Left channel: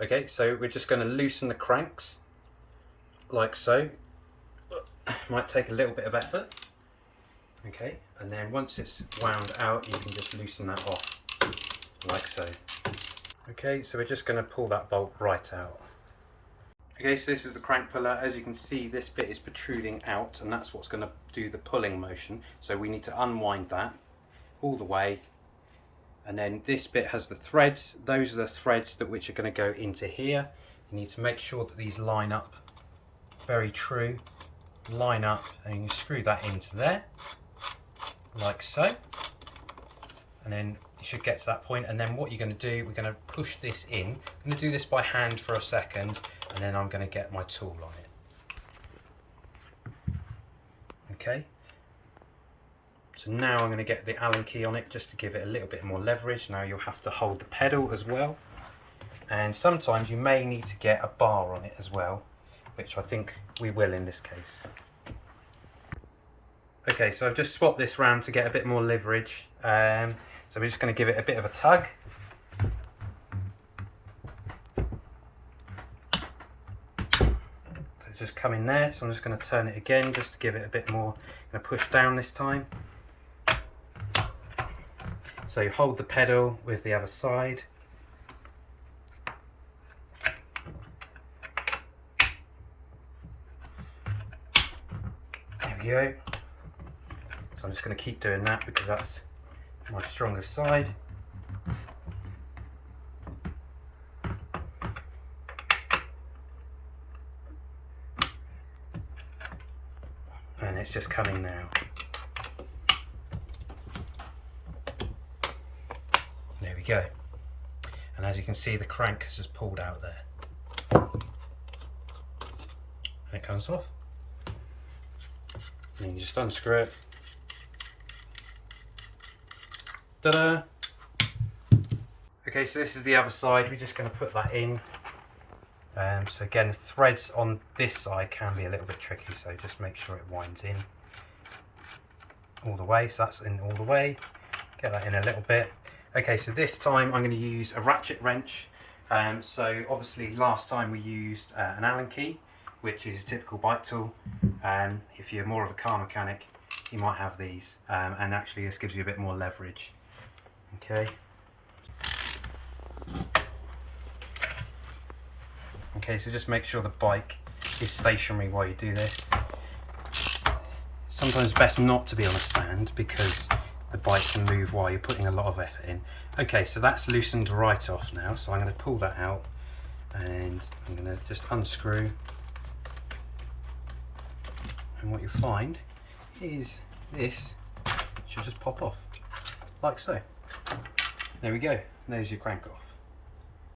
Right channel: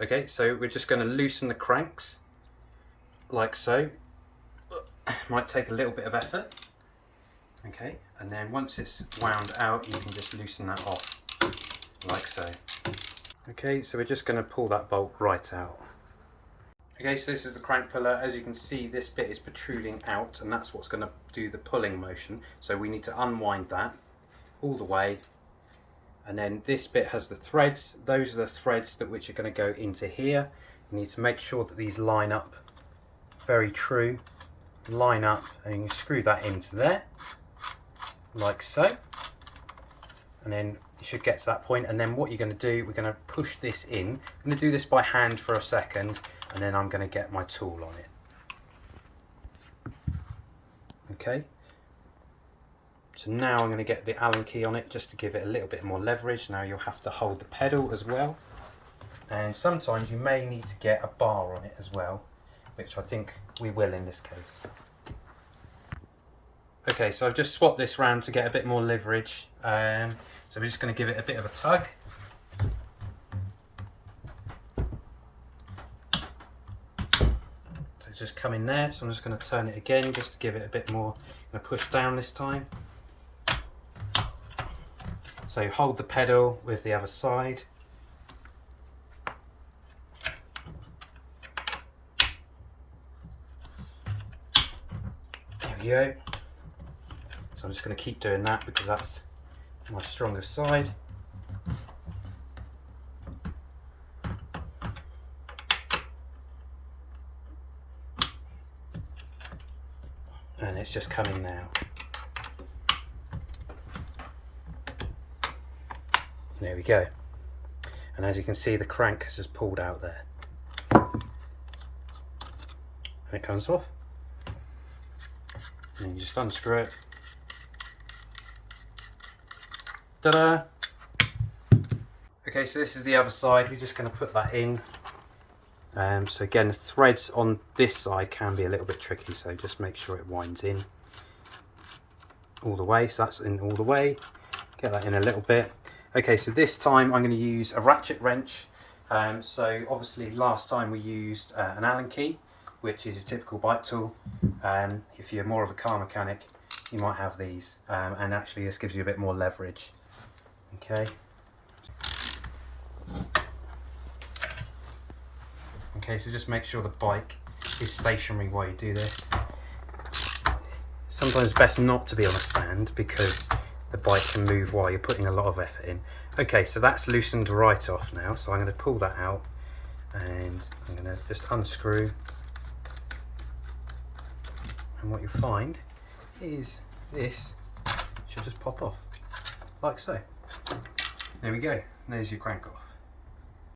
Okay, so we're just going to loosen the cranks like so. Might take a little bit of effort. Okay, and then once it's wound out, you can just loosen that off like so. Okay, so we're just going to pull that bolt right out. Okay, so this is the crank puller. As you can see, this bit is protruding out, and that's what's going to do the pulling motion. So we need to unwind that all the way. And then this bit has the threads. Those are the threads that which are going to go into here. You need to make sure that these line up very true. Line up, and you screw that into there like so, and then you should get to that point. And then what you're going to do, we're going to push this in. I'm going to do this by hand for a second, and then I'm going to get my tool on it. Okay, so now I'm going to get the Allen key on it just to give it a little bit more leverage. Now you'll have to hold the pedal as well, and sometimes you may need to get a bar on it as well, which I think we will in this case. Okay, so I've just swapped this round to get a bit more leverage. So we're just going to give it a bit of a tug. So it's just come in there, so I'm just going to turn it again just to give it a bit more. I'm going to push down this time. So you hold the pedal with the other side. There we go. So I'm just going to keep doing that because that's my strongest side. And it's just coming now. There we go. And as you can see, the crank has just pulled out there. And it comes off. And you just unscrew it. Ta-da! Okay, so this is the other side. We're just going to put that in. So again, the threads on this side can be a little bit tricky, so just make sure it winds in all the way. So that's in all the way. Get that in a little bit. Okay, so this time I'm going to use a ratchet wrench. So obviously last time we used an Allen key, which is a typical bike tool. If you're more of a car mechanic, you might have these, and actually this gives you a bit more leverage. Okay. Okay, so just make sure the bike is stationary while you do this. Sometimes it's best not to be on a stand because the bike can move while you're putting a lot of effort in. Okay, so that's loosened right off now, so I'm going to pull that out and I'm going to just unscrew. And what you'll find is this should just pop off, like so. There we go, there's your crank off.